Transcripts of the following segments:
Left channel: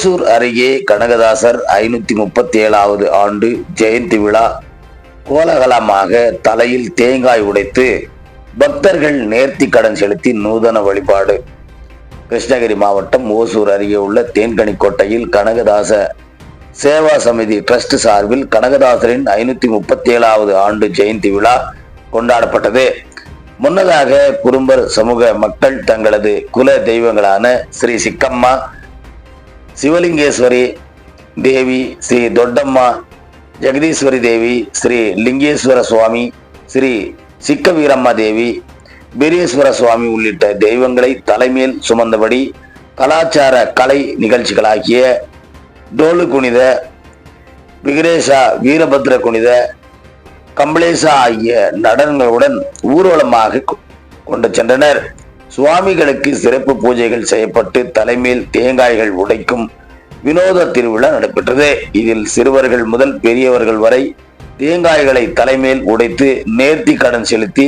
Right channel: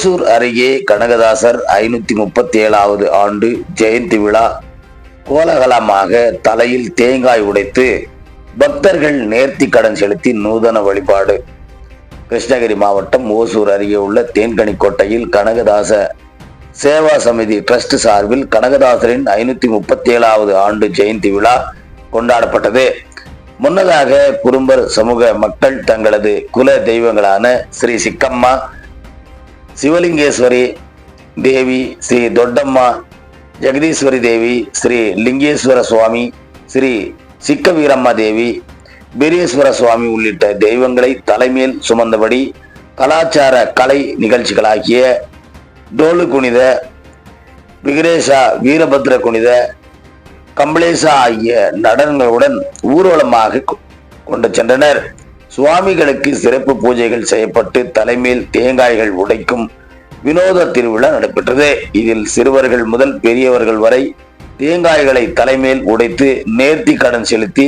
ஓசூர் அருகே கனகதாசர் 537வது ஆண்டு ஜெயந்தி விழா கோலாகலமாக தலையில் தேங்காய் உடைத்து பக்தர்கள் நேர்த்தி கடன் செலுத்தி நூதன வழிபாடு. கிருஷ்ணகிரி மாவட்டம் ஓசூர் அருகே உள்ள தேன்கனிக்கோட்டையில் கனகதாச சேவா சமிதி டிரஸ்ட் சார்பில் கனகதாசரின் 537வது ஆண்டு ஜெயந்தி விழா கொண்டாடப்பட்டது. முன்னதாக குறும்பர் சமூக மக்கள் தங்களது குல தெய்வங்களான ஸ்ரீ சிக்கம்மா, சிவலிங்கேஸ்வரி தேவி, ஸ்ரீ தொட்டம்மா, ஜெகதீஸ்வரி தேவி, ஸ்ரீ லிங்கேஸ்வர சுவாமி, ஸ்ரீ சிக்க வீரம்மா தேவி, பீரேஸ்வர சுவாமி உள்ளிட்ட தெய்வங்களை தலைமையில் சுமந்தபடி கலாச்சார கலை நிகழ்ச்சிகளாகிய டோலு குனித, விக்ரேஷா, வீரபத்ர குனித, கம்பளேசா ஆகிய நடனங்களுடன் ஊர்வலமாக கொண்டு சென்றனர். சுவாமிகளுக்கு சிறப்பு பூஜைகள் செய்யப்பட்டு தலைமையில் தேங்காய்கள் உடைக்கும் வினோத திருவிழா நடைபெற்றது. இதில் சிறுவர்கள் முதல் பெரியவர்கள் வரை தேங்காய்களை தலைமையில் உடைத்து நேர்த்தி கடன் செலுத்தி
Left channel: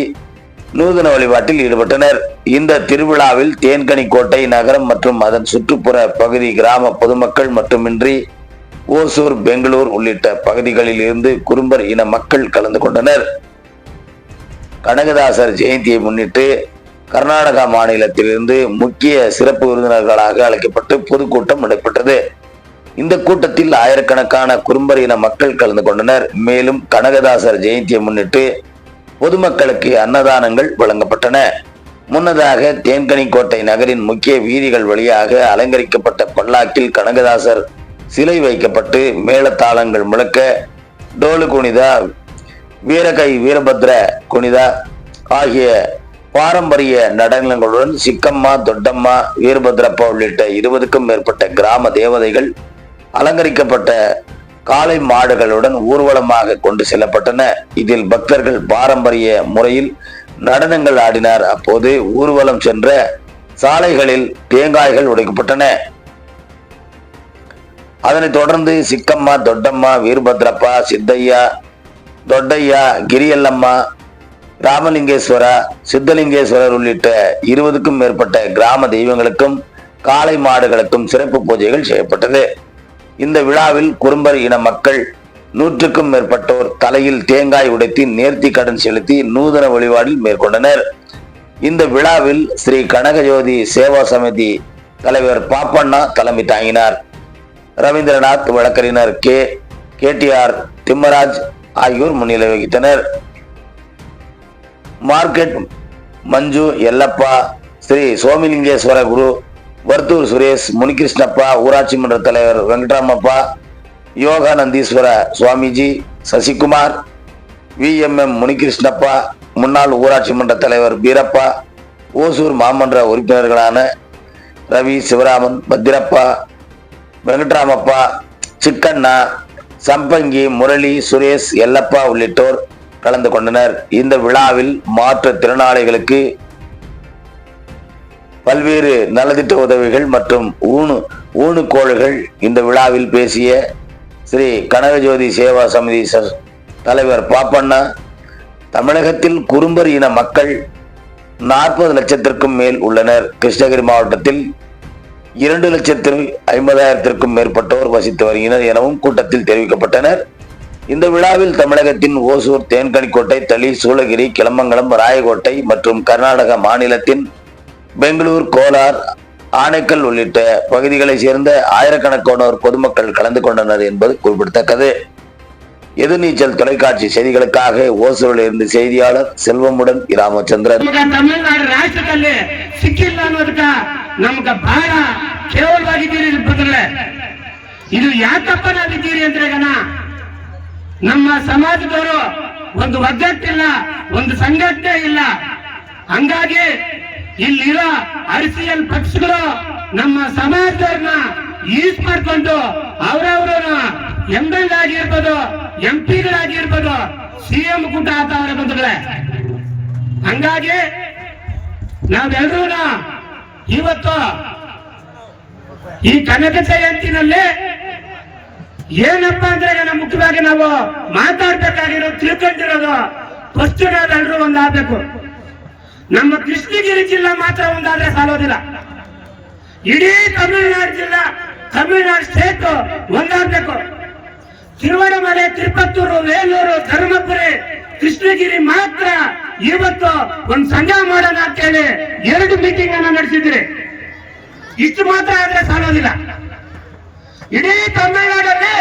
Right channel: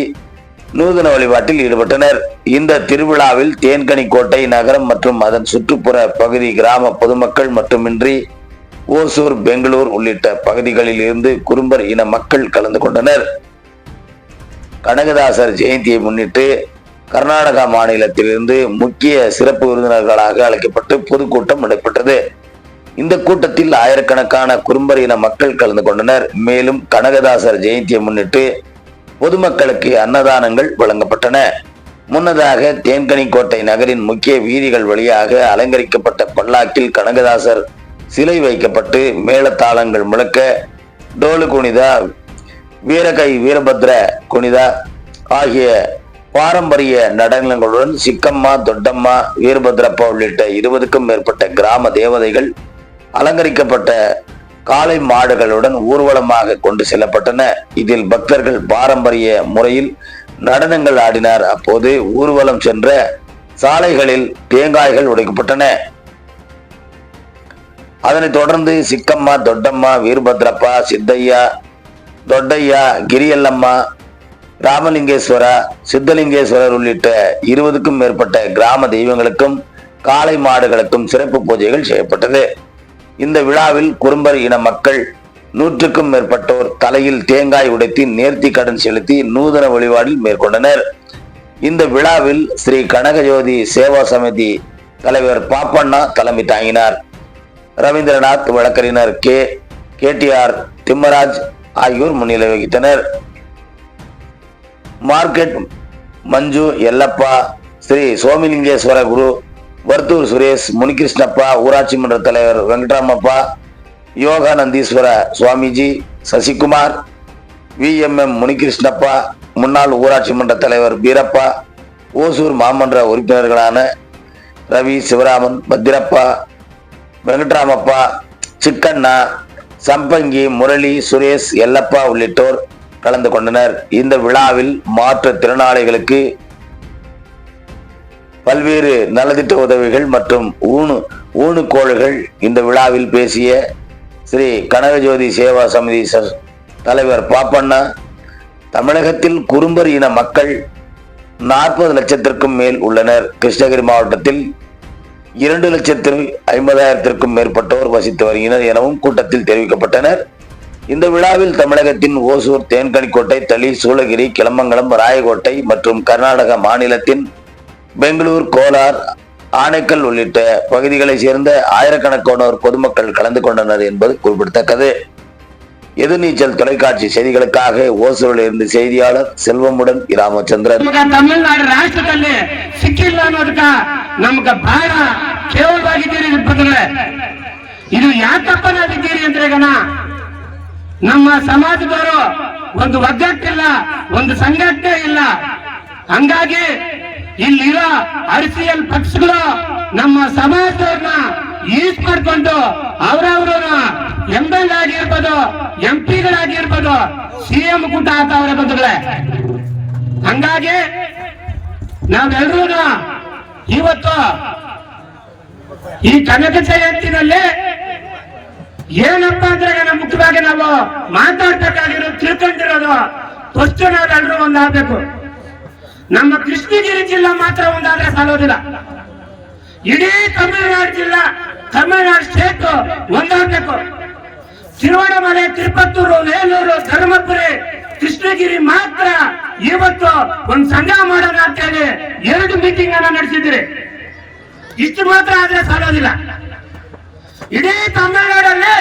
நூதன வழிபாட்டில் ஈடுபட்டனர். இந்த திருவிழாவில் தேன்கனிக்கோட்டை நகரம் மற்றும் அதன் சுற்றுப்புற பகுதி கிராம பொதுமக்கள் மட்டுமின்றி ஓசூர், பெங்களூர் உள்ளிட்ட பகுதிகளில் இருந்து குறும்பர் இன மக்கள் கலந்து கொண்டனர். கனகதாசர் ஜெயந்தியை முன்னிட்டு கர்நாடகா மாநிலத்திலிருந்து முக்கிய சிறப்பு விருந்தினர்களாக அழைக்கப்பட்டு பொதுக்கூட்டம் நடைபெற்றது. இந்த கூட்டத்தில் ஆயிரக்கணக்கான குறும்பர் இன மக்கள் கலந்து கொண்டனர். மேலும் கனகதாசர் ஜெயந்தியை முன்னிட்டு பொதுமக்களுக்கு அன்னதானங்கள் வழங்கப்பட்டன. முன்னதாக தேன்கனிக்கோட்டை நகரின் முக்கிய வீதிகள் வழியாக அலங்கரிக்கப்பட்ட பல்லாக்கில் கனகதாசர் சிலை வைக்கப்பட்டு மேளதாளங்கள் முழக்க டோலு குனிதா, வீரகை, வீரபத்ர குனிதா ஆகிய பாரம்பரிய நடனங்களுடன் சிக்கம்மா, தொட்டம்மா, வீரபத்ரப்பா உள்ளிட்ட 20க்கும் மேற்பட்ட கிராம தேவதைகள் அலங்கரிக்கப்பட்ட காளை மாடுகளுடன் ஊர்வலமாக கொண்டு செல்லப்பட்டன. இதில் பக்தர்கள் பாரம்பரிய முறையில் நடனங்கள் ஆடினார். அப்போது ஊர்வலம் சென்ற சாலைகளில் தேங்காய்கள் உடைக்கப்பட்டன. அதனைத் தொடர்ந்து சிக்கம்மா, தொட்டம்மா, வீரபத்ரப்பா, சித்தையா, தொட்டையா, கிரியல்லம்மா, ராமலிங்கேஸ்வரா, சித்தலிங்கேஸ்வரர் உள்ளிட்ட 20க்கும் மேற்பட்ட கிராம தெய்வங்களுக்கும் காளை மாடுகளுக்கும் சிறப்பு பூஜைகள் செய்யப்பட்டது. இந்த விழாவில் குறும்பர் இன மக்கள் 100க்கும் மேற்பட்டோர் தலையில் தேங்காய் உடைத்து நேர்த்தி கடன் செலுத்தி நூதன வழிபாடில் மேற்கொண்டனர். இந்த விழாவில் ஸ்ரீ கனகஜோதி சேவா சமிதி தலைவர் பாப்பண்ணா தலைமை தாங்கினார். ரவீந்திரநாத், வழக்கறிஞர் கேடிஆர் திம்மராஜ் ஆகியோர் முன்னிலை வகித்தனர். மார்க்கெட் மஞ்சு, எல்லப்பா, ஸ்ரீ சோமிலிங்கேஸ்வர குரு, வர்த்தூர் சுரேஷ், முனிகிருஷ்ணப்பா, ஊராட்சி மன்ற தலைவர் வெங்கட்ராமப்பா, யோகானந்தீஸ்வர சுவாமிஜி, சசிகுமார், VMM முனிகிருஷ்ணப்பா, முன்னாள் ஊராட்சி மன்ற தலைவர் பீரப்பா, ஓசூர் மாமன்ற உறுப்பினர்களான ரவி, சிவராமன், பத்திரப்பா, வெங்கட்ராமப்பா, சிக்கண்ணா, சம்பங்கி, முரளி, சுரேஷ், எல்லப்பா உள்ளிட்டோர் கலந்து கொண்டனர். இந்த விழாவில் மாற்றுத்திறனாளிகளுக்கு பல்வேறு நலத்திட்ட உதவிகள் மற்றும் ஊனுகோள்கள். இந்த விழாவில் பேசிய ஸ்ரீ கனகஜோதி சேவா சமிதி தலைவர் பாப்பண்ணா, தமிழகத்தில் குறும்பர் இன மக்கள் 40 லட்சத்திற்கும் மேல் உள்ளனர். கிருஷ்ணகிரி மாவட்டத்தில் 2,50,000த்திற்கும் மேற்பட்டோர் வசித்து வருகின்றனர் எனவும் கூட்டத்தில் தெரிவிக்கப்பட்டனர். இந்த விழாவில் தமிழகத்தின் ஓசூர், தேன்கனிக்கோட்டை, தளி, சூளகிரி, கிளமங்கலம், ராயக்கோட்டை மற்றும் கர்நாடக மாநிலத்தின் பெங்களூர், கோலார், ஆனைக்கல் உள்ளிட்ட பகுதிகளை சேர்ந்த ஆயிரக்கணக்கானோர் பொதுமக்கள் கலந்து கொண்டனர் என்பது குறிப்பிடத்தக்கது. எதிர்நீச்சல் தொலைக்காட்சி செய்திகளுக்காக ஓசூரில் இருந்து செய்தியாளர் செல்வமுடன் ராமச்சந்திரன். ತಮಿಳುನಾಡು ರಾಷ್ಟ್ರದಲ್ಲಿ ಸಿಕ್ಕಿಲ್ಲ ಅನ್ನೋದಕ್ಕ ನಮ್ಗೆ ಬಹಳ ಕೇವಲವಾಗಿದ್ದೀರಿ. ಇದು ಯಾಕಪ್ಪ ನಾವಿದ್ದೀರಿ ಅಂದ್ರೆ ನಮ್ಮ ಸಮಾಜದವರು ಒಂದು ಒಗ್ಗಟ್ಟಿಲ್ಲ, ಒಂದು ಸಂಘಟನೆ ಇಲ್ಲ. ಹಂಗಾಗಿ ಇಲ್ಲಿರೋ RCL ಪಕ್ಷಗಳು ನಮ್ಮ ಸಮಾಜದವ್ರನ್ನ ಯೂಸ್ ಮಾಡ್ಕೊಂಡು ಅವ್ರವ್ರನ್ನ ML ಆಗಿರ್ಬೋದು, MP ಗಳಾಗಿರ್ಬೋದು, CM ಕೂಟ ಆತವ್ರೆ ಬಂಧುಗಳೇ. ಹಂಗಾಗಿ ನಾವೆಲ್ಲರೂ ಇವತ್ತು ಈ ಕನಕ ಜಯಂತಿನಲ್ಲಿ ಏನಪ್ಪಾ ಅಂದ್ರೆ ಮುಖ್ಯವಾಗಿ ನಾವು ಮಾತಾಡ್ಬೇಕಾಗಿರೋದು, ತಿಳ್ಕೊಂಡಿರೋದು ಫಸ್ಟ್ ನಾವೆಲ್ಲರೂ ಒಂದಾಗಬೇಕು. ನಮ್ಮ ಕೃಷ್ಣಗಿರಿ ಜಿಲ್ಲಾ ಮಾತ್ರ ಒಂದಾದ್ರೆ ಸಾಲೋದಿಲ್ಲ. ಇಡೀ ತಮಿಳುನಾಡು ಜಿಲ್ಲಾ ತಮಿಳುನಾಡು ಸ್ಟೇಟ್ ಒಂದಾಗಬೇಕು. ತಿರುವಣಮಲೆ, ತಿರುಪತ್ತೂರು, ವೇಲೂರು, ಧರ್ಮಪುರಿ, ಕೃಷ್ಣಗಿರಿ ಮಾತ್ರ ಇವತ್ತು ಒಂದು ಸಂಘ ಮಾಡೋಣ ಅಂತ ಹೇಳಿ 2 ಮೀಟಿಂಗ್ ಅನ್ನ ನಡೆಸಿದ್ರಿ. ಇಷ್ಟು ಮಾತ್ರ ಆದ್ರೆ ಸಾಲೋದಿಲ್ಲ. ಇಡೀ ತಮಿಳುನಾಡಲ್ಲಿ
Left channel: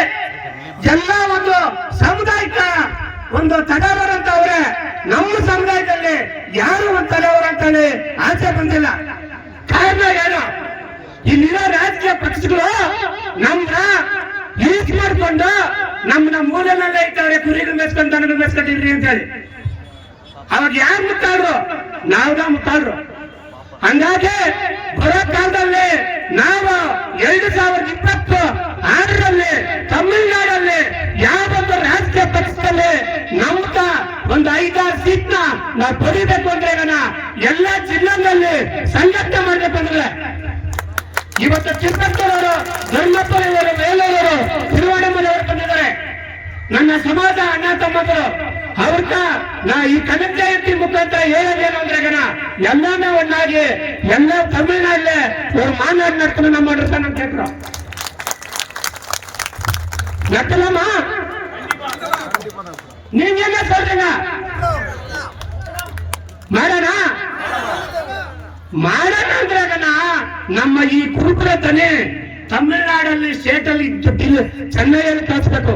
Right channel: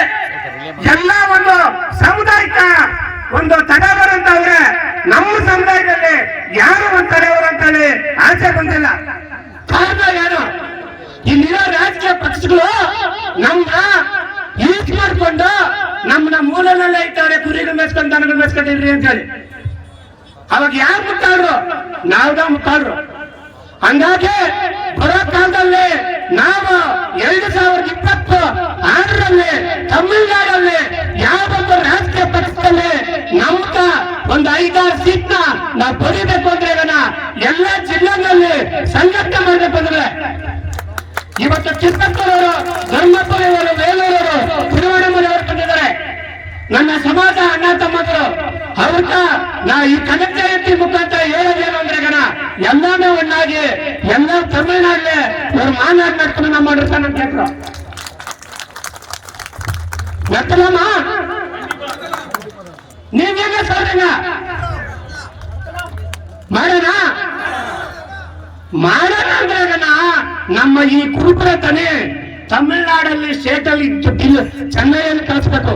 ಎಲ್ಲ ಒಂದು ಸಾಮುದಾಯಿಕ ಒಂದು ತಡವರು ಅಂತ ಅವ್ರೆ, ನಮ್ಮ ಸಮುದಾಯದಲ್ಲಿ ಯಾರು ಒಂದು ತಡೆಯವರು ಅಂತ ಹೇಳಿ ಆಚೆ ಬಂದಿಲ್ಲ. ಕಾರಣ ಏನು? ಇಲ್ಲಿರೋ ರಾಜಕೀಯ ಪಕ್ಷಗಳು ನಮ್ನ ಯೂಸ್ ಮಾಡ್ಕೊಂಡು ನಮ್ಮನ್ನ ಮೂಲನೆಲ್ಲ ಇದ್ದಾರೆ, ಕುರಿಗಳು ಮೆಚ್ಕೊಂಡು ದನಗಳು ಮೆಚ್ಕೊಂಡಿರ್ರಿ ಅಂತ ಹೇಳಿ. ಅವಾಗ ಯಾರು ಮುಟ್ಟಾಡ್ರು? ನಾವ್ದ ಮುಟ್ಟಾಡ್ರು. ಹಂಗಾಗಿ ಬರೋ ಕಾಲದಲ್ಲಿ ನಾವು 2026ರಲ್ಲಿ ತಮಿಳುನಾಡಲ್ಲಿ ಯಾವೊಂದು ರಾಜಕೀಯ ಪಕ್ಷದಲ್ಲಿ ನಮ್ಗ ಒಂದು 5-6 ಸೀಟ್ನ ನಾವು ಬರೀಬೇಕು ಅಂದ್ರೆ ಎಲ್ಲ ಜಿಲ್ಲೆಗಳಲ್ಲಿ ಸಂಘಟನೆ ಮಾಡಬೇಕು ಅಂದ್ರೆ ಇವತ್ತು ತಿರುಪತ್ತೂರವರು, ಧರ್ಮಪುರಿಯವರು, ವೇಲೂರವರು, ತಿರುವಣಮಲೆಯವರು ಬಂದಿದ್ದಾರೆ. ನನ್ನ ಸಮಾಜ ಅಣ್ಣ ತಮ್ಮದರು ಅವ್ರನ್ನ ನಾ ಈ ಕನಕ ಜಯಂತಿ ಮುಖಾಂತರ ಹೇಳೋದೇನು ಅಂದ್ರೆ ಎಲ್ಲಾನು ಒನ್ನಾಗಿ ಎಲ್ಲ ತಮಿಳುನಾಡಲ್ಲಿ ಇವ್ರು ಮಾನಾಡ್ ಮಾಡ್ಕೊಂಡು ಮಾಡಿರ್ತಾನೆ ಅಂತ ಹೇಳ್ರು. ಗೊತ್ತಿಲ್ಲಮ್ಮ, ನೀವ್ ಹೇಗೆ சொல்றீங்க? ಮಾಡೋಣ ಮಾಡೋಣ ಅಂದ್ರೆ ನಮ್ಮ ಈ ಕುರುಬರ ತನೆ ತಮಿಳುನಾಡಲ್ಲಿ ಸ್ಟೇಟ್ ಅಲ್ಲಿ ಚೆನ್ನೈಯಲ್ಲಿ ಕಳಿಸ್ಬೇಕು.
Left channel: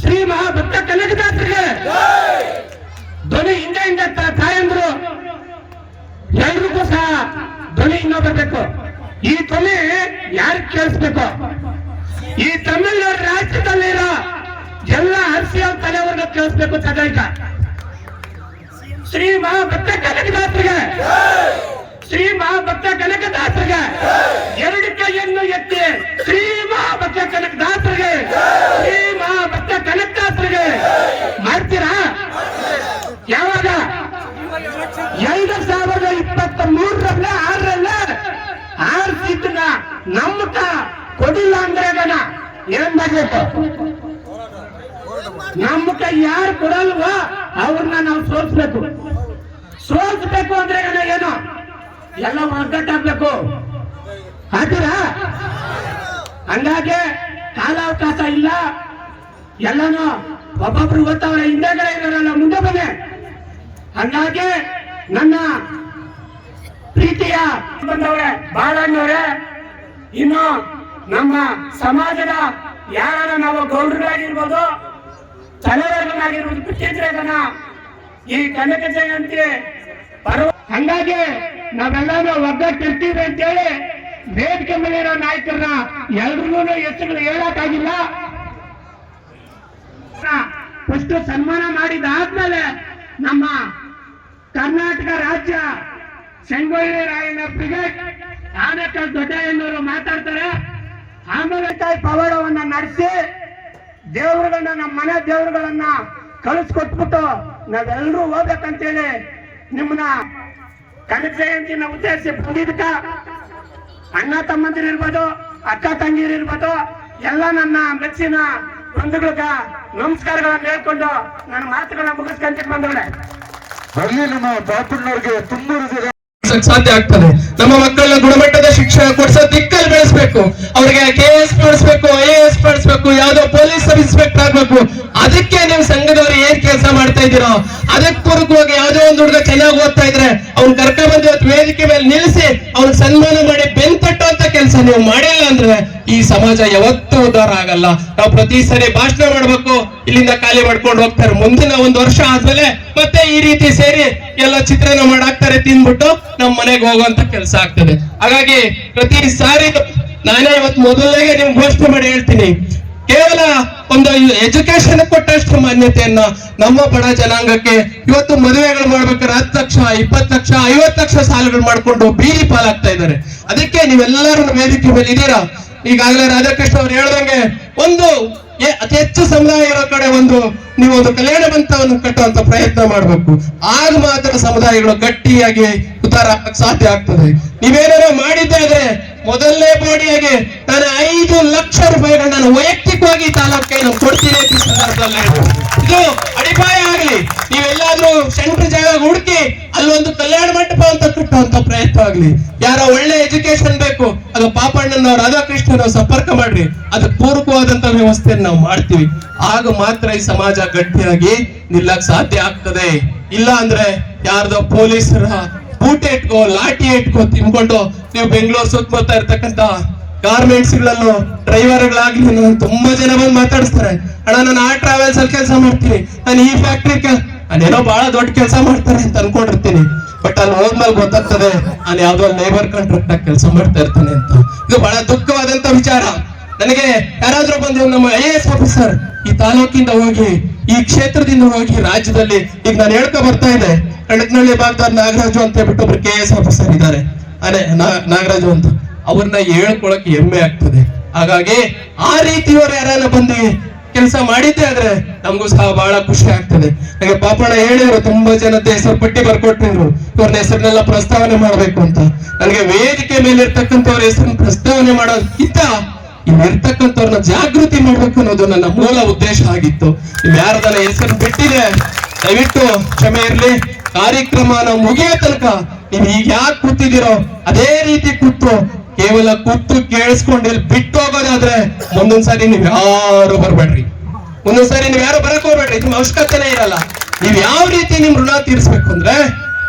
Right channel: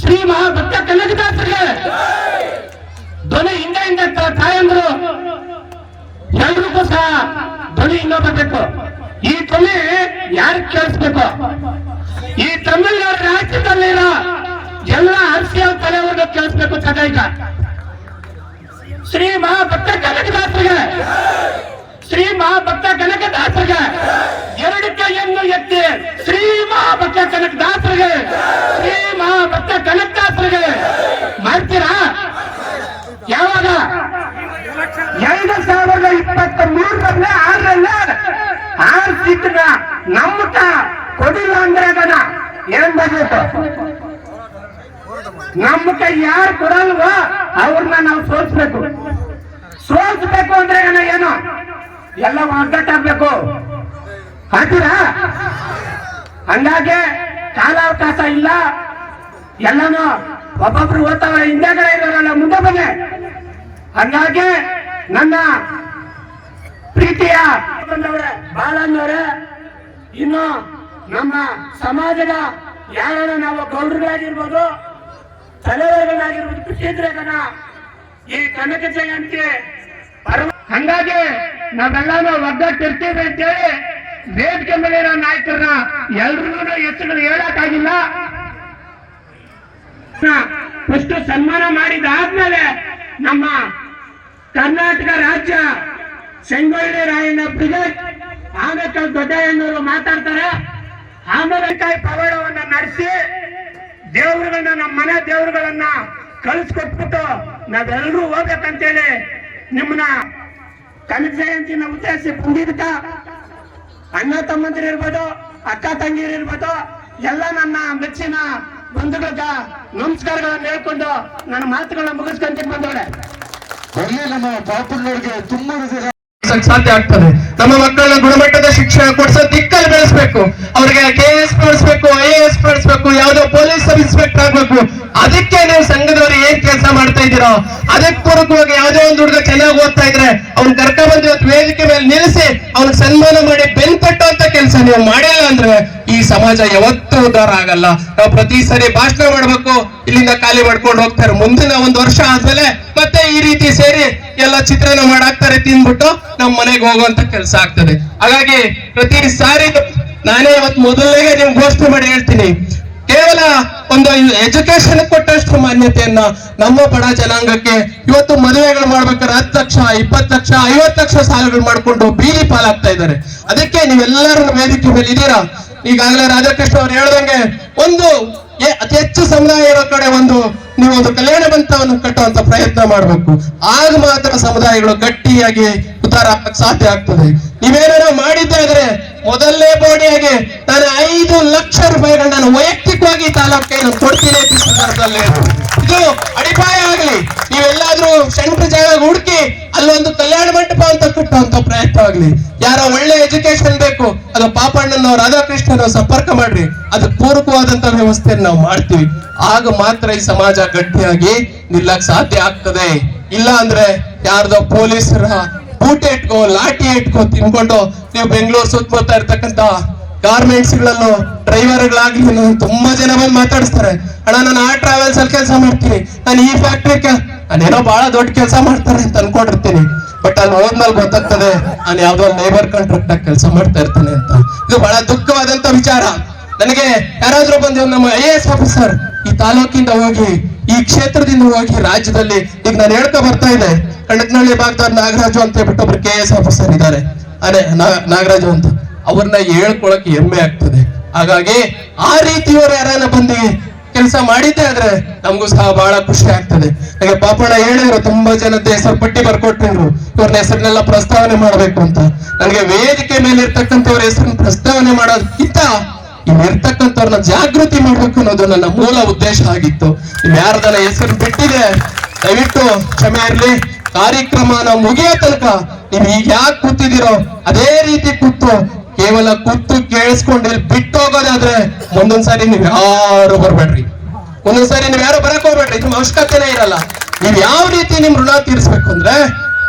ಶ್ರೀ ಮಹಾಭಕ್ತ ಕನಕದಾಸರಿಗೆ ಧ್ವನಿ ಹಿಂದೆ ತಾಯಂದ್ರು ಎಲ್ರಿಗೂ ಸಹ ಧ್ವನಿ ಹಿಂಗ ಬರ್ಬೇಕು. ಈ ಧ್ವನಿ ಯಾರಿಗೆ ಕೇಳಿಸ್ಬೇಕು? ಈ ತಮಿಳುನಾಡು ರಾಜ್ಯದಲ್ಲಿರೋ ಎಲ್ಲ ಅರ್ಸಿಯಲ್ ತಲೆಯವ್ರನ್ನ ಕೇಳಿಸ್ಬೇಕು. ಸದೈಕ ಶ್ರೀ ಮಹಾಭಕ್ತ ಕನಕದಾಸರಿಗೆ, ಶ್ರೀ ಮಹಾಭಕ್ತ ಕನಕದಾಸರಿಗೆ 2 ಕೈಯನ್ನು ಎತ್ತಿ ಶ್ರೀ ಮಹಾಭಕ್ತ ಕನಕದಾಸರಿಗೆ, ಶ್ರೀ ಮಹಾಭಕ್ತ ಕನಕದಾಸರಿಗೆ ಮಾಡ್ತೀರಾ? ಯಾವಾಗ? 2023ರಲ್ಲಿ 6 ಸೀಟ್ನ ನಮ್ಮಕ ಕೊಡಿಲ್ಲ ಅಂದ್ರೆ ಏನ್ ಮಾಡ್ಬೇಕು? ನಮ್ಮಕ ಯಾರು ಕೊಡಲ್ವೋ ಅವ್ರನ್ನ ನಾವು ಸೋಲ್ಸ್ಬೇಕು. ಸೋಲ್ಸ್ಬೇಕು ಅಂದ್ರೆ ಏನು? ಎಲ್ಲ ಒಗ್ಗಟ್ಟಾಗ್ಬೇಕು. ಹಾಕಿರಾ? ಹಂಗಾಗಿ ಕಾಲಾವಕಾಶ ಇಲ್ಲ. ಎಲ್ಲಾನು ಒಬ್ಬೊಬ್ರು ಓದ್ತಾವ್ರೆ, ಹಿಂದೆಗಡೆ ಇರೋರಲ್ಲ ಮುಂದೆ ಬಂದೆ. ಹಂಗಾಗಿ ನನ್ನ ಪ್ರೀತಿಯ ಬಂದವ್ರೆ ಬಾಳಣ್ಣವ್ರೆ, ಇನ್ನು ನಮ್ಮ ಸಮಾಜದ ಯಾರು ನಾವು ಗೌಡರಾಗಿರ್ಬೋದು, ತಲೆವರ್ಗನಾಗಿರ್ಬೋದು, ಬಿಟ್ಟಿದ್ರೆ ಈ ಕನಕ ಜಯಂತಿ ಹಂಗಾಗಿ ನಾವೆಲ್ಲಾನು ಒಗ್ಗಟ್ಟಿರ್ತೀವಿ ಅಂತೇಳಿ ವೇದಿಕೆ ಮೇಲಿರೋ ನಾಯಕರನ್ನ ಎಲ್ರಿಗೂ ಹೆಸರುಗಳು ಹೇಳಕ್ಕಾಗಿಲ್ಲ. ಫಸ್ಟ್ ಸನ್ಮಾನ ಮಾಡಿದಾದ್ಮೇಲೆ ನಮ್ಮ ಕರ್ನಾಟಕ ರಾಜ್ಯ ಸಂಗೊಳ್ಳಿ ರಾಯಣ್ಣ ಬ್ರಿಗೇಡ್ ಆನೇಕಲ್ ದೊಡ್ಡಯ್ಯನವರು ಮಾತಾಡ್ತಾರೆ. ಆಮೇಲೆ ಪವಾಡವನ್ನ ನಡೆಸಿ ದೇವರುಗಳನ್ನ, ನಮ್ಮ ಮನೆ ದೇವರುಗಳನ್ನ ಕಳಿಸ್ಕೊಟ್ಬಿಟ್ಟು ನಾವೆಲ್ಲರೂ ಹೋಗ್ಬೇಕಂತೇಳಿ ನಿಮ್ಮನ್ನ ಕನಕ ಜಯಂತಿನ ಉದ್ದೇಶಿಸಿ ಬಂದಿದ್ದಕ್ಕ ಅಣ್ಣ ತಮ್ಮಂದಿರು ಇರ್ಬೋದು, ಅಕ್ಕ ತಂಗಿರು ಇರ್ಬೋದು, ಎಲ್ಲ ನನ್ನ ಮೆಚ್ಚಿನ ಬಂಧುಗಳ ನಮಸ್ಕಾರಗಳನ್ನ ಹೇಳ್ಕೊಂಡು ನನ್ನ ಮಾತುಗಳನ್ನ ಮುಗಿಸ್ಕೊಂತ ಬಂದವ್ರೆ. ನಮ್ಮ ಪಾಪಣ್ಣವ್ರಿಗೆ ತುಂಬಾ ಸಾಧ್ಯ ಆಗ್ತದೆ. ನಮ್ಮ ಮಕ್ಕಳನ್ನ ಗುಣಮಟ್ಟದ ಶಿಕ್ಷಣ ಕೊಡಿಸೋ ದಿಕ್ಕಲ್ಲಿ ಬೆಳೆಸ್ಬೇಕು. ಅವ್ರಿಗೆ KS ಬೆಳೆಸ್ಬೇಕು, IAS ಬೆಳೆಸ್ಬೇಕು, ಯಾವ್ದೋ ಪೊಲೀಸ್ ಸಬ್ ಇನ್ಸ್ಪೆಕ್ಟರ್ ಆಗ್ಬೇಕು. ಅದಕ್ಕೆ ನೀವು ಸಂಘದವ್ರು ಏನ್ ಕೆಲಸ ಮಾಡ್ತಾ ಇದ್ದೀರೋ ಅದಕ್ಕೆ ಪೂರಕವಾಗಿ ಯಾವ್ದೋ ಒಂದು ಹುಡುಗ ಚೆನ್ನಾಗಿ ಓದ್ತಾ ಇದ್ರೆ ಅವ್ನ್ ಕರ್ಕೊಂಡ್ಬಂದು ವೇದಿಕೆ ಮೇಲೆ ನಿಲ್ಲಿಸಿ ಅವ್ನಿಗೆ ಸನ್ಮಾನ ಮಾಡಿ ಬೆನ್ತಟ್ಟು ಅಂತ ಕೆಲಸ ನೀವು ಮಾಡಿಲ್ಲ ಅಂದ್ರೆ ಈ ಸಮಾಜ ಯಾವತ್ತೂ ಉದ್ಧಾರ ಆಗಲ್ಲ. ನಾವು ಪ್ರತಿ ಸರಿ ಭಾಷಣ ಮಾಡ್ಬೇಕು, ಇಲ್ಲಿಂದ ಖಾಲಿ ಮಾಡ್ಕೊಂಡು ಹೋಗ್ತಾರೆ. ಮುಂದಿನ 1 ವರ್ಷ ಆದ್ಮೇಲೆ ಮತ್ತೆ ಈ ರೀತಿ ಸೇರಿ ಎಲ್ಲ ಚಿತ್ರಾನ್ನ ಮಾಡಾಕ್ತಾರೆ, ತಿನ್ಬಿಟ್ಟು ನಮ್ ಮನೆಗೆ ಹೋಗುವಂತ ಕೆಲಸ ಆಗ್ತದೆ. ಹಾಗಾಗಿ ಪ್ರತಿ ಸಾರಿ ನಾನೇ ಇವತ್ತು ಮೊದಲನೇಗೆ ನಿಮ್ಗೆ ಘೋಷಣೆ ಮಾಡಿ ಹೇಳ್ತೀನಿ, ಕೇವಲ ಒಂದು ಎಜುಕೇಶನ್ ಕೊಟ್ಟಷ್ಟು ಮಾನ್ಯತೆಯನ್ನ ನಮ್ಮ ಬಡ ಜನಾಂಗಕ್ಕೆ ಇವತ್ತು ಮದುವೆಗಳು ಮಾಡ್ಬೇಕಾದ್ರೆ 10 ಲಕ್ಷ, 20 ಲಕ್ಷ, 50 ಲಕ್ಷ ಸಾಲಗಳು ಮಾಡ್ಕೊಂಡು ಬೀದಿ ಪಾಲಾಗ್ತಾ ಇದ್ದಾರೆ. ಅದಕ್ಕೆ ನೀವೆಲ್ಲರೂ ವೇದಿಕೆ ಮೇಲೆ ಇದ್ದೀರಾ. ಈಗಾಗಲೇ ರಾಧಾಕೃಷ್ಣ ಅವ್ರು ಹೇಳ್ದಂಗೆ ಒಂದು ಅತಿ ಹೆಚ್ಚು ಸಮುದಾಯ ಇರೋ ಕಡೆ ನೀವು ಒಂದು ಕಲ್ಯಾಣ ಮಂಟಪವನ್ನು ಕಟ್ಟುವಂತ ಪ್ರಯತ್ನ ಮಾಡಬೇಕು. ಆಗ ಮಾತ್ರ ಸಮುದಾಯಗಳು ಗಟ್ಟಿಯಾಗಿ ಉದ್ಧಾರ ಆಗಕ್ಕೆ ಸಾಧ್ಯ ಆಗ್ತದೆ. ನೀವೇನಾದ್ರು ಮಾಡಿದ್ದಾದ್ರೆ ಮೊದಲನೇ ಬಾಡಿಯಾಗಿ ನಾನು 5 ಲಕ್ಷ ರೂಪಾಯಿಗಳು ನಾನು ವೈಯಕ್ತಿಕವಾಗಿ ತಾಲೂಕಿಗೆ ನಾನು ಕೊಡ್ತೀನಿ ಅಂತ ಸಂದರ್ಭದಲ್ಲಿ ಇದು ಅಡಿಪಾಯ ಆಗಲಿ. ನೀವೆಲ್ಲಾದ್ರೂ ಸೆಂಟ್ರ್ ಜಾಗ ಹುಡುಕಿ ಅಲ್ಲೊಂದು ಕಲ್ಯಾಣ ಮಂಟಪ ಅಂತ ಕಟ್ಟುವಂತ ಪ್ರಯತ್ನ ಆಗ್ಲಿ. ಯಾರೋ ಒಳ್ಳೆ ಎಜುಕೇಶನ್ ಬೇಕು, ಅದು ಪಾಪಣ್ಣನವ್ರು ರಾಧಾಕೃಷ್ಣನ ಸಂಪರ್ಕ ಮಾಡ್ರಿ, ಅದಕ್ಕೆ ಪೂರಕವಾದಂತ ವ್ಯವಸ್ಥೆಯನ್ನು ನಾವು ಮಾಡ್ತೀವಿ. ಆಗ ಮಾತ್ರ ಈ ಸಮಾಜ ಗಟ್ಟಿಯಾಗಿ ನಿಲ್ಲಕ್ ಸಾಧ್ಯ ಆಗ್ತದೆ. ಇಲ್ಲ ಅಂದ್ರೆ ಯಾರ್ದೋ ಪೊಲೀಸರ ಬೂಟೆ ಇಟ್ಕೋ ಲಾಠಿ ಇಟ್ಕೋ ತಿನ್ಕೊಂಡು ನೀವು ಬೆಂಗಳೂರು ಸುತ್ತಮುತ್ತ ಇರ್ತಕ್ಕಂತ ಗಾರ್ಮೆಂಟ್ಸ್ ಗಳಲ್ಲೂ ಡ್ರೈವರ್ಗಳಾಗ್ಲಿ ತುಂಬಾ ಜನ ಬಂದು ಮಾತಾಡಿಸ್ತಾರೆ, ಅಣ್ಣ ನಾನು ಆ ಟ್ರಾವೆಲ್ಸ್ ಅಲ್ಲಿ ಕೆಲಸ ಮಾಡ್ತೀನಿ, ನಾನು ಈ ಫ್ಯಾಕ್ಟ್ರಿ ನಾನೇನೋ ಬಹಳ ದೊಡ್ಡ ಕೆಲಸ ಮಾಡ್ತಾರೆ ಅಂತ ಅನ್ಕೊಂಡಿರ್ತೀನಿ. ಬಟ್ ಅಲ್ಲಿ ಹೋದ್ಮೇಲೆ ಗೊತ್ತಾಗ್ತದೆ ನಾನು ಯಾವ್ದೋ ಲೇಬರ್ ಕಾಂಟ್ರಾಕ್ಟ್ ಆಗಿ ಕೆಲಸ ಮಾಡ್ತಾ ಇರ್ತಾನೆ ಅಂತ. ಇದು ಬಹಳ ದುಃಖವಾದಂತ ವಿಚಾರ. ನನಗೆ ಯಾರಾದ್ರೂ ಬಂದು ನಮ್ಮ IAS ಆಫೀಸರ್ ಈ ತಾಲೂಕಿಂದ ಹೋಗಿ ಈ ಕ್ಷೇತ್ರದಿಂದ ಹೋಗಿ ರಾಜ್ಯದಲ್ಲಿ ಈಗ ನಾನು ಹೇಳ್ಕೊ ಬರ್ತಾ ಇದೆ, ಕಣಕನಹಳ್ಳಿ ಭಾಗದ ನಾಗರಾಜು ಅಂತ ಹೇಳ್ಬಿಟ್ಟು ಒಬ್ರು KS ಆಫೀಸರ್ ಇದ್ದಾರೆ, ಅದೇ ನಾಗರಾಜು ಅಂತ, ಅವ್ರನ್ನ ಹೇಳ್ಕೊಳಕ್ ಹೆಮ್ಮೆ ಆಗ್ತದೆ. ಹಾಗಾಗಿ ಆ ರೀತಿಯವರು ಯಾರನ್ನ ಬಂದು ಕೆಲಸ ಮಾಡಿದ್ದೆ ಆದ್ರೆ ನಮಗೂ ಸಹ ಬಹಳ ಖುಷಿ ಆಗ್ತದೆ. ನನಗೆ ಪಾಪಣ್ಣ ಹೇಳಿದ್ರು, ತುಂಬಾ ಜನದ ಹೆಸರು ಪಟ್ಟಿ ಬರ್ಕೊಟ್ಟಿದ್ರು, ಇವ್ರನ್ನ ಹೆಸರನ್ನೆಲ್ಲ ಪ್ರಸ್ತಾವನೆ ಮಾಡ್ಬೇಕು ಅಂತ. ನನಗೆ ವೇದಿಕೆ ಮೇಲೆ ಇರ್ತಕ್ಕಂಥವ್ರ ಹೆಸರನ್ನ ಪ್ರಸ್ತಾವನೆ ಮಾಡೋದಕ್ಕಿಂತ ಇರ್ತಕ್ಕಂಥವ್ರನ್ನ ಜಾಗೃತಿ ಮಾಡ್ಬೇಕು ಅನ್ನೋದು ನನ್ನ ಮೂಲ ಉದ್ದೇಶ ಆಗಿತ್ತು. ನೀವು ಯಾರ್ದನ್ನ ಹೆಸರು ಬಿಟ್ಟಿದೆ ದಯವಿಟ್ಟು ಕ್ಷಮೆ ಇರ್ಲಿ. ಕಾರ್ಯಕ್ರಮನ ಮುಗಿಯೋ ತನಕ ನೀವು ಈಗ ಯಾಕೆ ಕೂತಿದ್ದೀರೋ ಅದೇ ರೀತಿ ಕೂತು ಕೇವಲ ಕೂತು ಕೇಳಿಸ್ಕೊಂಡು ಇಲ್ಲಿ ಬಿಟ್ಟು ಹೋಗೋದಾದ್ರೆ ಮುಂದೊಂದ್ಸಾರಿ ನೀವ್ ಯಾರು ಬರ್ಬೇಡ್ರಿ, ಮುಂದೊಂದ್ಸಾರಿ ನೀವ್ ಯಾರು ಬರಕ್ ಹೋಗ್ಬೇಡ್ರಿ, ನಿಮ್ ಅವಶ್ಯಕತೆನೇ ಇರಲ್ಲ. ನೀವ್ ಯಾವ ರೀತಿ ನಿಮ್ ಋಣ ತೀರ್ಸ್ಬೇಕು ಅಂದ್ರೆ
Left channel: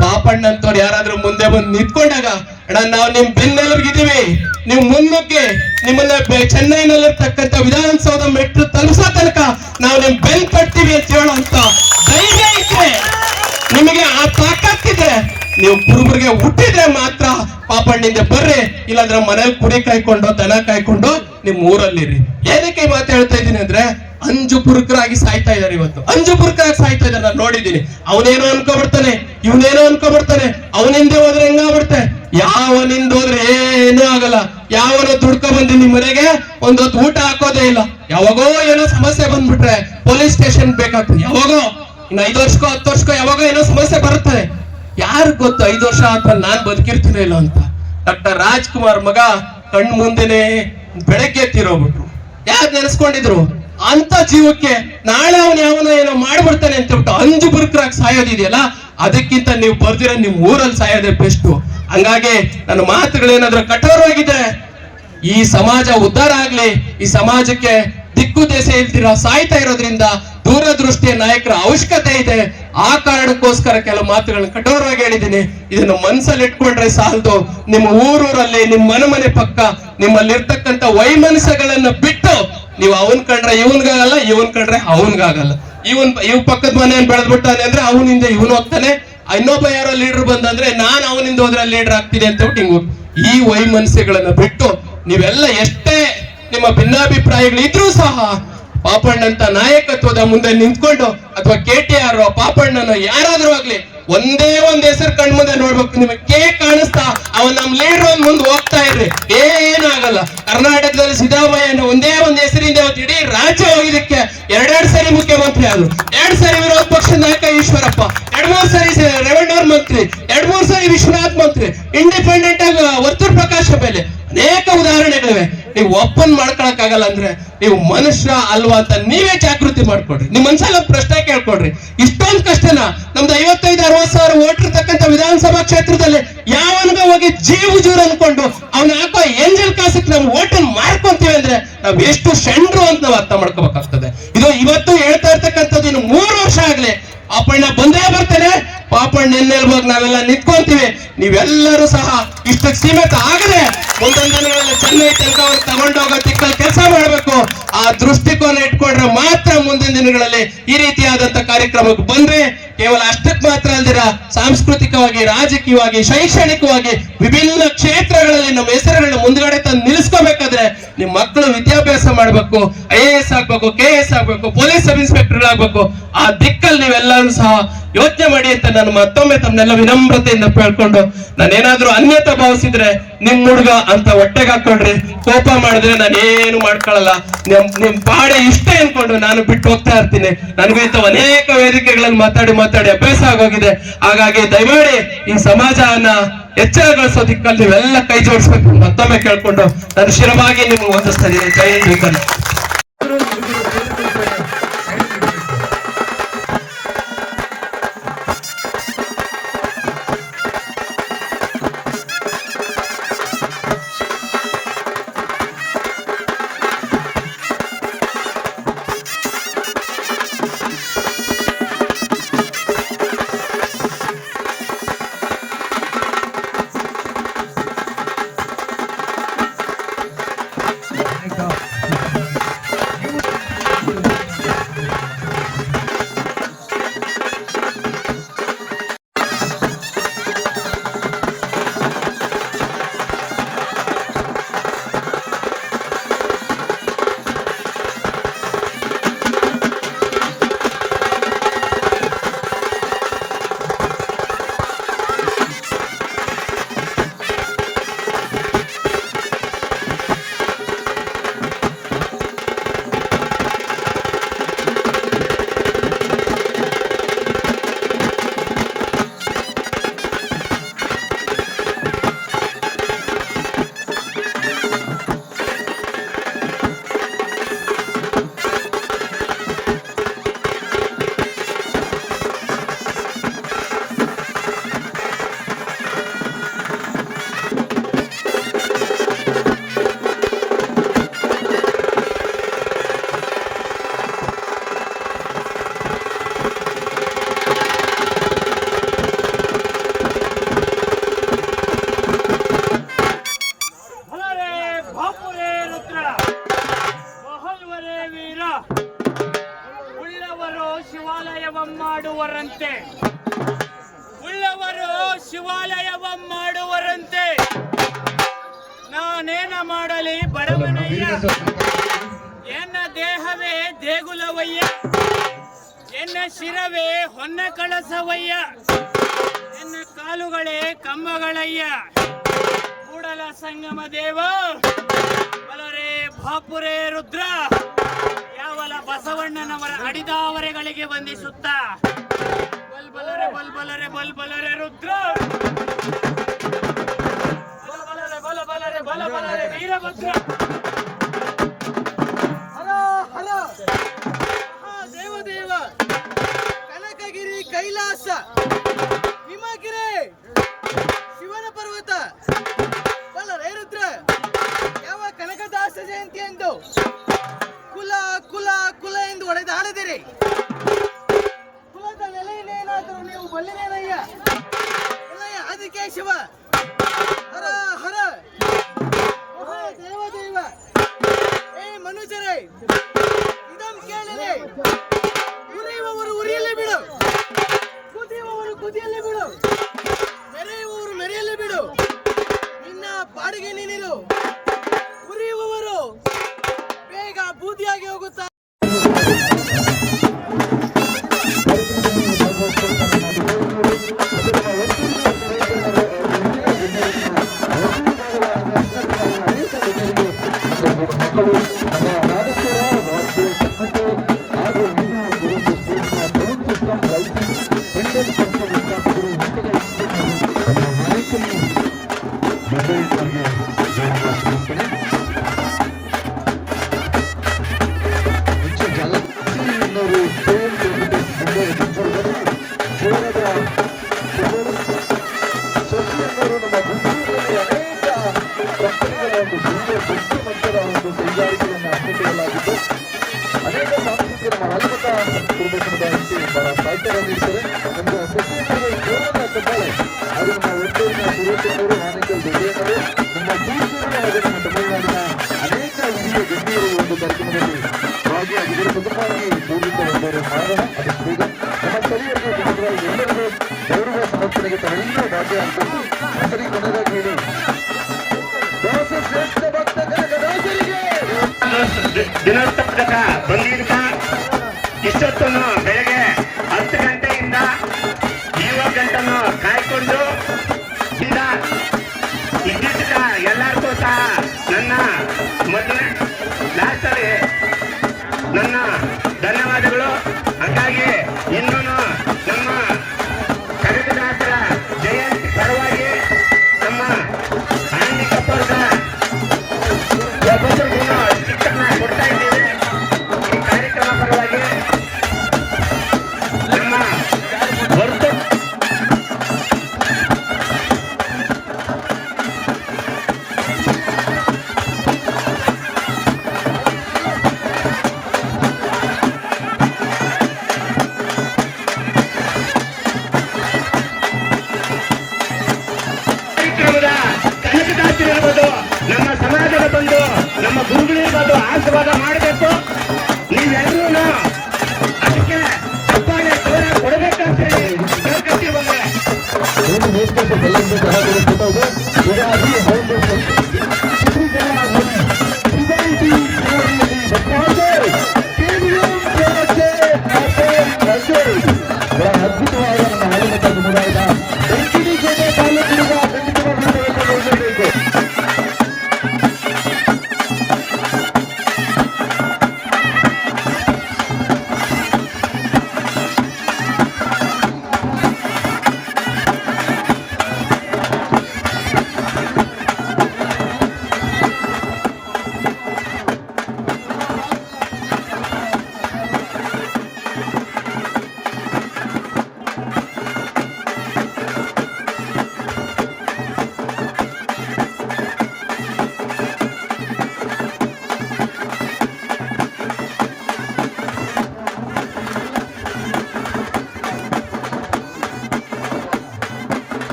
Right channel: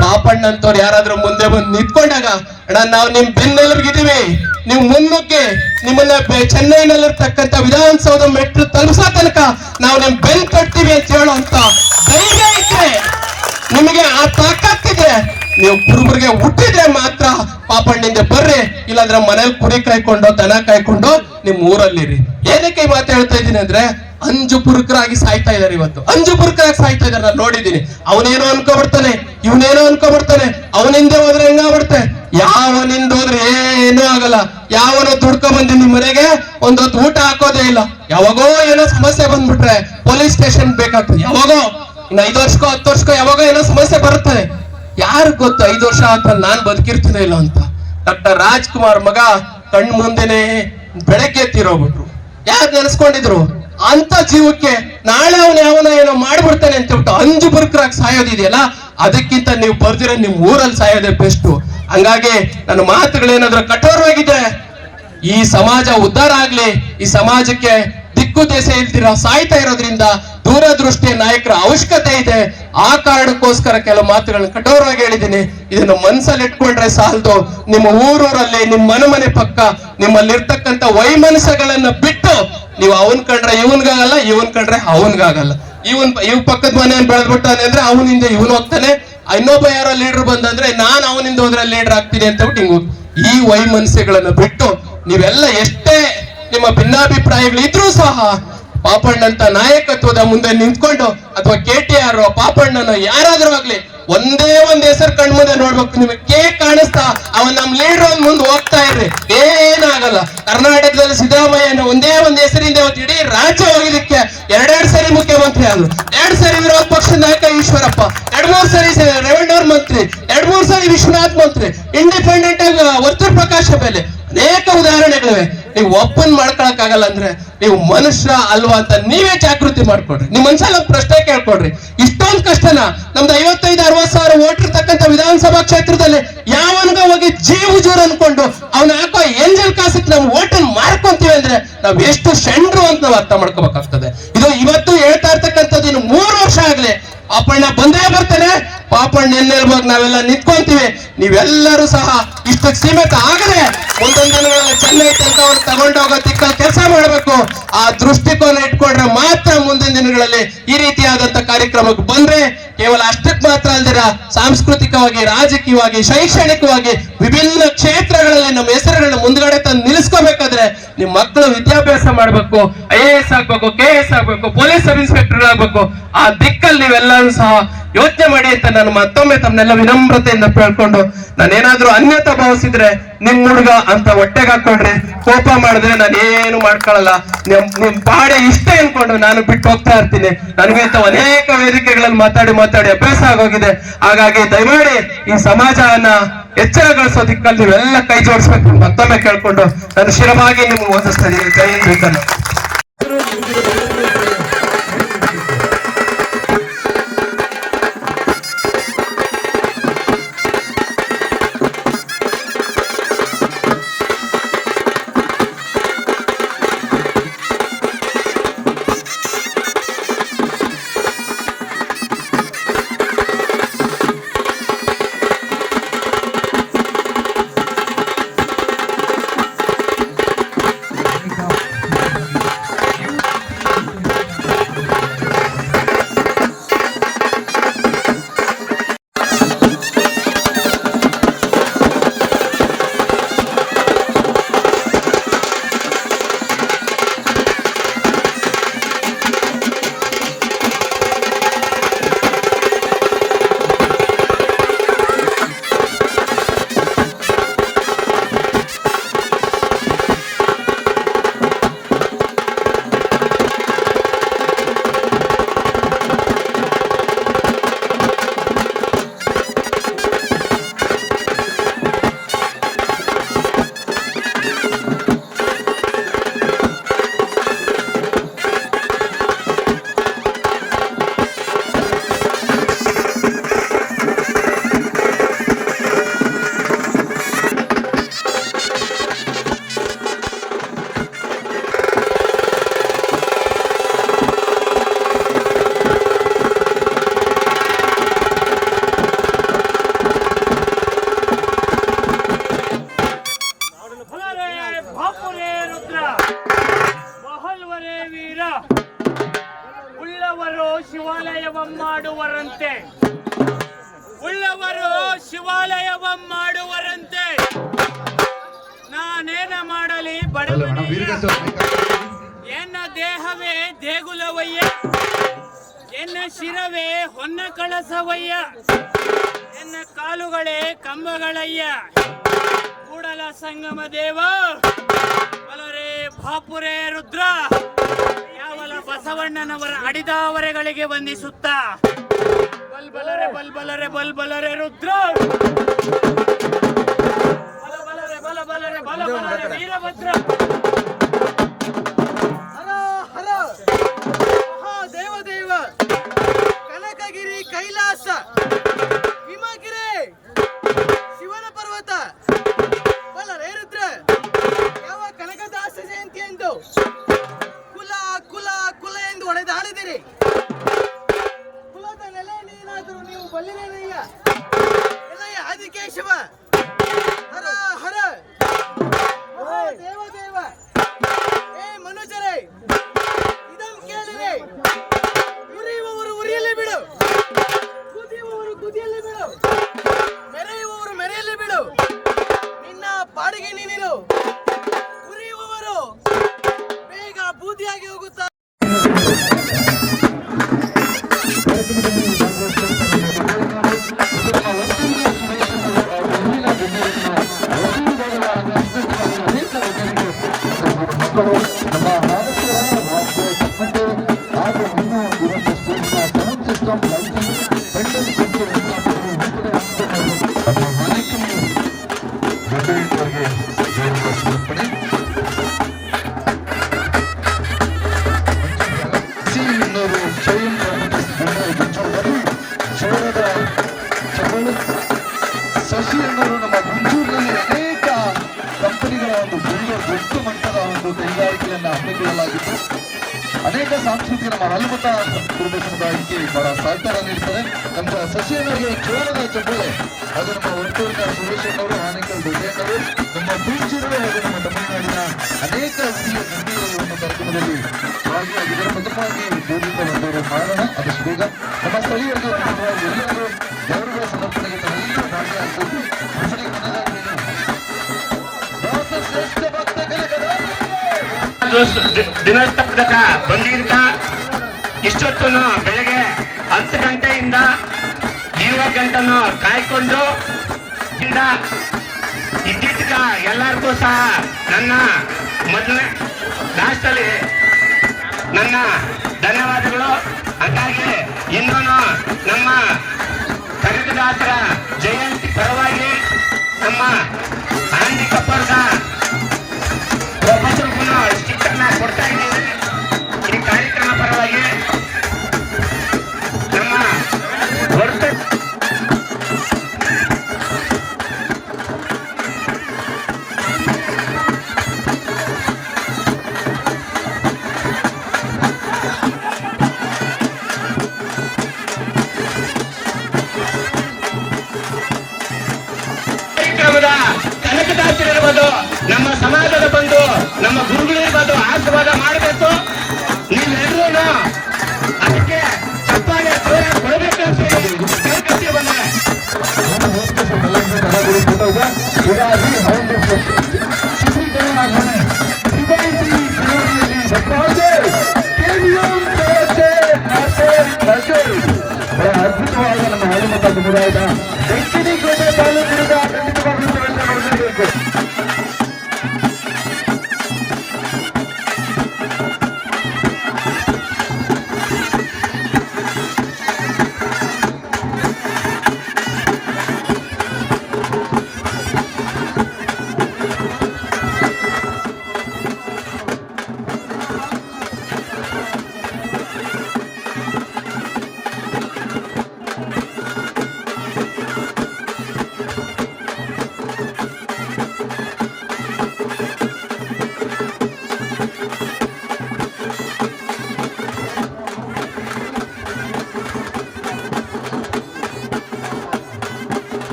ಪಾಪಣ್ಣಂತವ್ರು ಯಾರಾದ್ರೂ ಮುಂದೆ ಬಂದು ನಿಂತ್ಕೊಂಡಾಗ ಅಣ್ಣ ನಾವು ನಿಮ್ ಬೆನ್ನೆಲುಬಿಗಿದೀವಿ, ನೀವು ಮುನ್ನುಗ್ಗಿ ನಿಮ್ಮನ್ನ ಚೆನ್ನೈನಲ್ಲಿರ್ತಕ್ಕಂಥ ವಿಧಾನಸೌಧ ಮೆಟ್ಲು ತಲುಪಿಸೋ ತನಕ ನಾವು ನಿಮ್ ಬೆನ್ ಕಟ್ತೀವಿ ಅಂತ ಹೇಳುವಂತ ಧೈರ್ಯ ಇದ್ರೆ, ನಿಮಗೆ ಆ ತಾಕತ್ತಿದ್ರೆ, ನೀವು ಕುರುಬರಿಗೆ ಹುಟ್ಟಿದ್ರೆ ಮಾತ್ರ ಪಾಪಣ್ಣಿಂದ ಬರ್ರಿ, ಇಲ್ಲಾಂದ್ರೆ ಮನೇಲಿ ಕುರಿ ಕಾಯ್ಕೊಂಡು ದನ ಕಾಯ್ಕೊಂಡು ನಿಮ್ ಊರಲ್ಲಿರಿ. ಏನಕ್ಕೆ ಈ ಮಾತು ಹೇಳ್ತಾ ಇದ್ದೀನಿ ಅಂದ್ರೆ ಅಂಜು ಪುರುಕರಾಗಿ ಸಾಯ್ತಾ ಇದಾರೆ. ಇವತ್ತು ಅಂಜು ಪುರುಕರಾಗಿ ಸಾಯ್ತಾ ಇದಾರೆ, ನಾನು ನೋಡಿದ್ದೀನಿ. ಅವನೇನೋ ಅನ್ಕೊಬಿಡ್ತಾನೆ, ಇವನೇನೋ ಅನ್ಕೊಬಿಡ್ತಾನೆ, ಅವನಿಂದೆ ಹೋದ್ರೆ ಹೆಂಗಾಗ್ಬಿಡ್ತೆ, ಯಾವನಿಂದ ಹೋದ್ರೆ ಏನೂ ಆಗಲ್ಲ. ಯಾವನೋ ದುಡ್ಕೊ ಬಂದು ನಿಮ್ ಮನೆಗೆ ಒಂದೊತ್ತು ಊಟ ಹಾಕೋದೇ ಇಲ್ಲ. ಯಾವಾಗೋ ಏನೋ ಸಮಸ್ಯೆ ಬಂದ್ಬಿಟ್ರೆ ಪೊಲೀಸ್ ಸ್ಟೇಷನ್ ಬೇಕಾಗ್ತದೆ. ಯಾವಾಗೋ ಇನ್ನು 5 ವರ್ಷಕ್ಕೋ 10 ವರ್ಷಕ್ಕೋ ಯಾವಾಗ ಏನೋ ಸಮಸ್ಯೆ ಬರುತ್ತದೆ. ಯಾರು ಗೊತ್ತು 5 ವರ್ಷ ಆದ್ಮೇಲೆ ನಾನ್ ಬದುಕಿರ್ತೀನಿ ಇಲ್ಲ ಅಂತ. ಡಾಕ್ಟರ್ ರಾಜ್ಕುಮಾರ್ ಮಗ ಕಣ್ ಮುಂದೆನೆ ಬೆಳಗ್ಗೆ ತೀರೋಗ್ಬಿಟ್ರು. ಯಾರು ನೆನೆಸ್ಕೊಂಡಿದ್ರು ಅಂತ ಜೀವಕ್ಕೆ ನಾಳೆ ಅವನು ಯಾವನ ಏನೋ ಮಾಡ್ಬಿಡ್ತಾನೆ ಅಂತ ಹೇಳ್ಬಿಟ್ಟು ಅಂಜು ಬುರುಕರಾಗಿ ಸಾಯೋದಿದೆಯಲ್ಲ, ಅದಕ್ಕಿಂತ ನೀವು ಬರ್ದಿರೋ ನಿಮ್ ಊರಲ್ಲಿ ಸಾಯೋದೇ ಬೆಸ್ಟ್. ಹಂಗಾಗಿ ನನ್ನ ಮಾತುಗಳೇನಾದ್ರೂ ಕಠೋರವಾಗಿದೆ, ಈ ಸಮಾಜ ಉದ್ಧಾರ ಆಗ್ಲಿ, ಈ ಸಮಾಜಕ್ಕೆ ದಿಕ್ಕು ದೆಸೆ ಇಲ್ದಿರ ಸಾಯ್ತಾ ಇರೋದ್ರಿಂದ ದೂರದೃಷ್ಟಿಯ ನಾಯಕರ ಅವಶ್ಯಕತೆ ಇದೆ. ಆ ಕಾರಣಕ್ಕೋಸ್ಕರ ಕೆಲವು ಮಾತುಗಳನ್ನ ಕಠೋರವಾಗಿ ಹೇಳಿದ್ದೀನಿ. ಇದನ್ನು ಮನಸ್ಸಲ್ಲಿ ಇಟ್ಕೊಂಡ್ರೆ ಸಾಲದು. ನಿಮ್ಮ ಊರೂರಲ್ಲಿ ನಿಮ್ಮ ಮನೆ ಪಕ್ಕ ನಿಮ್ಮಲ್ಲಿರ್ತಕ್ಕಂಥ ವೈಮನಸ್ಯಗಳನ್ನ ಬಿಟ್ಟು ನೀವು ಅವನ್ ಕಂಡ್ರೆ ಇವನ್ಗಾಗಲ್ಲ, ಇವನ್ ಕಂಡ್ರೆ ಅವನ್ಗಾಗಲ್ಲ. ಇವ್ ಪಕ್ಕದ ಮನೆ ಬೆಳೆದ್ಬಿಟ್ಟಾನೆ ಅಂದ್ರೆ ಅವನಿಂದ ಇವನು ಹೋಗ್ತಾನೆ, ಇನ್ನೊಬ್ಬ ಯಾರೋ ಲೀಡರ್ ಬಂದಂದ್ರೆ ನಾನು ಅವನಿಂದ ಹೋದ್ರೆ ಲೀಡರ್ ಆಗ್ತೀನಿ ಅಂತ ಹಿಂಗು ಈ ವೈಮನಸ್ಯಗಳನ್ನ ಬಿಟ್ಟು ನೀವೆಲ್ಲ ಎಷ್ಟೇ ನಿಮ್ಮ ಭಿನ್ನಾಭಿಪ್ರಾಯಗಳಿದ್ರೂ ಸಹ ಪಾಪಣ್ಣಂತ ನಾಯಕತ್ವದ ಮುಂದೆ ನಿಂತ್ಕೊಂಡು ಅಥವಾ KTR ಪಾಪಣ್ಣನ ಯಾರಾದ್ರೂ ಆಗ್ಲಿ ಒಂದೇ ಒಂದ್ ಹೆಸರು ಕಣ್ಮುಂದೆ ನೋಡ್ಬೇಕು. ನಿಮಗೆ ಕಾಣಿಸ್ತಾ ಅವನ್ ನಮ್ ಲೀಡರ್ ಮುಂದೆ ಹೋಗ್ತಾ ಇರ್ರಿ, ಏನಾಗಲ್ಲ. ಕರ್ನಾಟಕದಲ್ಲಿ ಸಿದ್ದರಾಮಯ್ಯನ ಒಂದೇ ಒಂದ್ ಹೆಸರಿಂದ ಇಡೀ ರಾಜ್ಯ ಹೋಗಿದ್ದಕ್ಕೆ 2 ಸರಿ ಮುಖ್ಯಮಂತ್ರಿ ಆದ್ರು, 2 ಸರಿ ವಿರೋಧ ಪಕ್ಷದ ನಾಯಕ ಈಶ್ವರಪ್ಪ, 2-3 ಸರಿ ರೆವೆನ್ಯೂ ಮಂತ್ರಿ, 2-3 ಸರಿ ವಿಶ್ವನಾಥ್ ಮಂತ್ರಿ, ಇಂಡಿಪೆಂಡೆಂಟ್ ಆಗಿ ವರ್ತೂರ್ ಪ್ರಕಾಶ ಮೇಲೆ ಅನೇಕ ಉದಾಹರಣೆಗಳಿವೆ. ನೀವು ಓಪನ್ ಮಾಡ್ಕೊಳಕ್ ಆಗಲ್ಲ ಅಂದ್ರೆ ನೀವು ಮನುಷ್ಯ ಅಲ್ವಾ ಅಂತ ನೀವೇ ಜಾಗೃತಿ ಮಾಡ್ಕೊಡ್ರಿ. ನಿಮ್ ಮನ್ಸಲ್ಲಿ ಒಂದು ಪ್ರಶ್ನೆ ಕೇಳ್ಕೊಡ್ರಿ, ಇಷ್ಟೊಂದು ಕಷ್ಟನ ನಮ್ದು 55-60 ಸಾವಿರ ವೋಟ್ ಇರ್ತಕ್ಕಂಥ ವಿಧಾನಸಭಾ ಕ್ಷೇತ್ರದಲ್ಲಿ ಯಾವನ್ಗ ಹೋಗಿ ಜೀರು ಅನ್ಕೊಂಡು ಅವ್ನ ಹಾಕೋ ಏಂಜಲ್ ಕಾಸಕ್ಕೆ ನಾವು ಓಟನ್ ಮಾಡ್ಕೊಂತೀವಿ ಅಂದ್ರೆ ನಾವ್ ಎಷ್ಟು ಶಂಡ್ರು ಅಂತ ನಾವು ಅರ್ಥ ಮಾಡ್ಕೋಬೇಕಾಗ್ತದೆ. ಇದು ಇವತ್ತು ಹೇಳ್ತಾ ಇರ್ತಕ್ಕಂಥದ್ದು ಇನ್ನು 3 ವರ್ಷ ಆಗ್ಲಿ ಪಾಪಣ್ಣ ಬಂದೇ ಬರ್ತಾನೆ. ಪಾಪಣ್ಣ ಎನ್ನೆಲ್ಬೋಗಿ ನಾವೆಲ್ಲ ನಿಂತ್ಕೊಂತೀವಿ. ನೀವೆಲ್ಲರೂ ಸಹ ಇಷ್ಟಕ್ಕೆ ಸೀಮಿತ ಆಗದೆ ಮುಂದೊಂದು ದಿನಗಳಲ್ಲಿ ಚೆನ್ನೈ ತನಕ ಅವ್ರು ತಗೊಂಡೋಗೋ ದಿಕ್ಕಲ್ಲಿ ಕೆಲಸ ಮಾಡಬೇಕು. ಆ ದೃಷ್ಟಿಕೋನ ಇಟ್ಕೊಂಡ್ರೆ ಮಾತ್ರ ಮುಂದಿನ ದಿನಗಳಲ್ಲಿ ಈ ರೀತಿಯಾದಂತ ಕಾರ್ಯಕ್ರಮಕ್ಕೆ ಬಂದ್ರೆ ಕೇವಲ ಅಷ್ಟಕ್ಕೆ ಮಾತ್ರ ಅಲ್ದಿರ ಸಾಂಸ್ಕೃತಿಕವಾಗಿ, ರಾಜಕೀಯವಾಗಿ, ಶೈಕ್ಷಣಿಕವಾಗಿ ವಿಭಿನ್ನ ಕ್ಷೇತ್ರಗಳಲ್ಲಿ ನಮ್ಮ ಹೆಸರುಗಳನ್ನ ಮುಂದ್ಗಡೆ ತಂದು ನಿಲ್ಲಿಸ್ಕೋಬೇಕಾದ್ರೆ ನಿಮ್ ಮಕ್ಕಳು ವಿದ್ಯಾಭ್ಯಾಸ ಮಾಡ್ಬೇಕು, IAS ಆಗ್ಬೇಕು, KS ಆಗ್ಬೇಕು, ಪೊಲೀಸ್ ಸಬ್ ಇನ್ಸ್ಪೆಕ್ಟರ್ ಆಗ್ಬೇಕು. ಆ ದಿಕ್ಕಲ್ಲಿ ನೀವೆಲ್ಲರೂ ಸಹ ಯೋಚನೆ ಮಾಡಿ ಅಂತ ನಾನು ಮತ್ತೊಮ್ಮೆ ತಮ್ಮನ್ನೆಲ್ಲ ವಿನಮ್ರತೆಯಿಂದ ಕೇಳ್ಕೊಂಡು, ನಾನೇನಾದ್ರೂ ಅನ್ಯತಾ ಭಾವಿಸಿದ್ರೆ ನಿಮ್ ಹುಡುಗ ಅಂತ ಹೊಟ್ಟೆಗೆ ಹಾಕೊಳ್ರಿ. ಕೋಪ ಮಾಡಿದ್ರೆ ನಾನು ಏನು ಮಾಡ್ಕೊಳ್ಳಲ್ಲ, ನಿಮ್ ಪಾಡೆ ಇಷ್ಟ ಅನ್ಕೊಂಡು ನಾನು ಬಿಟ್ಟು ಹೋಗ್ತಾ ಇರ್ತೀನಿ. ನನಗೆ ಅನೇಕ ವೇದಿಕೆಗಳಲ್ಲಿ ಮಾತಾಡಿ ಅಭ್ಯಾಸ ಆಗೋಗಿದೆ. ಹಾಗಾಗಿ ದಯಮಾಡಿ ಈ ಸಮಾಜವನ್ನ ಎಚ್ಚರಗೊಳಿಸೋ ದಿಕ್ಕಲ್ಲಿ ನೀವೆಲ್ಲ ಕೈ ಜೋಡಿಸ್ಬೇಕು ಮತ್ತೊಮ್ಮೆ ಕೇಳ್ಕೊಂಡು ನಾನು ಶಿರವಾಗಿ ನಿಮ್ಗೆ ವಂದಿಸ್ತಾ ಇದ್ದೀನಿ. ಜೈ ಹಿಂದ್. ಮಾಡುವರಂತೆ, ಉಳ್ಳವರು ಶಿವಾಲಯವ ಮಾಡುವರಂತೆ. ನಾನೇನ ಮಾಡಲಿ ಬಡವನಯ್ಯ, ಎನ್ನ ದೇಹವೇ ದೇಗುಲವಯ್ಯ, ಎನ್ನ ಶಿರವೇ ಹೊನ್ನ ಕಳಸವಯ್ಯ, ಎನ್ನ ಕಾಲುಗಳೇ ಕಂಬಗಳಯ್ಯ. ಕೂಡಲ ಸಂಗಮ ದೇವ ಬಲರೇ ಬಾಪುರೇ ರುದ್ರ, ಯಾವಲ ಬಸವಣ್ಣನವರ ಅಡಿದಾವರೆಗಳಿಗೆ ವಂದಿಸುತ್ತ ಬಲ್ಬಲರೆ ಬಲ್ಬಲರೆ ಬಲ್ಬಲರೆ ರುದ್ರ, ಬಲಬಲರೆ ಬಲಬಲರೆ ಬಲಬಲರೆ ವೀರಭದ್ರ. ಹರ ಹರ ಮಹಾದೇವದೇವ ಕನಕಗಿರಿ ಕೈಲಾಸ ಹಿಮಗಿರಿ ಶಿವನ ಪರ್ವತ ಬಲರೇರುದ್ರ ಯಾವ ಕನಕದಾಸ ಜಯಂತಿ ಎಂದು ಕುಲ ಕುಲ ಕುಲ ಎಂದು ಹೊಡೆದಾಡದಿರಿ. ಕುಲದ ನೆಲೆಯನ್ನೇನಾದರೂ ನೀವು ಬಲ್ಲಿರೇನಯ್ಯ ಏನಯ್ಯ ಆದಿಕೇಶವ. ಹರ ಹರ ಮಹಾದೇವದೇವ. ಏ ಮನುಜರೇ, ಇದಂ ಕೇಳಲಿ. ಉರಿಯುವವರು ಉರಿಯಲೇ ಬಿಡು, ಕುದಿಯುವವರು ಕುದಿಯಲೇ ಬಿಡು, ಮೆರೆಯುವವರು ಮೆರೆಯಲೇ ಬಿಡು. ನಿನ್ನ ಪಾಡಿಗೆ ನೀನಿರು. ಉರಿಯುವವರು ಬೇಗ ಬೂದಿಯಾಗಿ ಹೋಗುತ್ತಾ. ದಿನಸ್ತಕ ಬಂದಿದ್ದ ಇಷ್ಟೊತ್ತು ಬೆಳಗ್ಗೆ 10 ಗಂಟೆಯಿಂದ 7 ಗಂಟೆನೂ ಕಾಯ್ಕೊಂಡು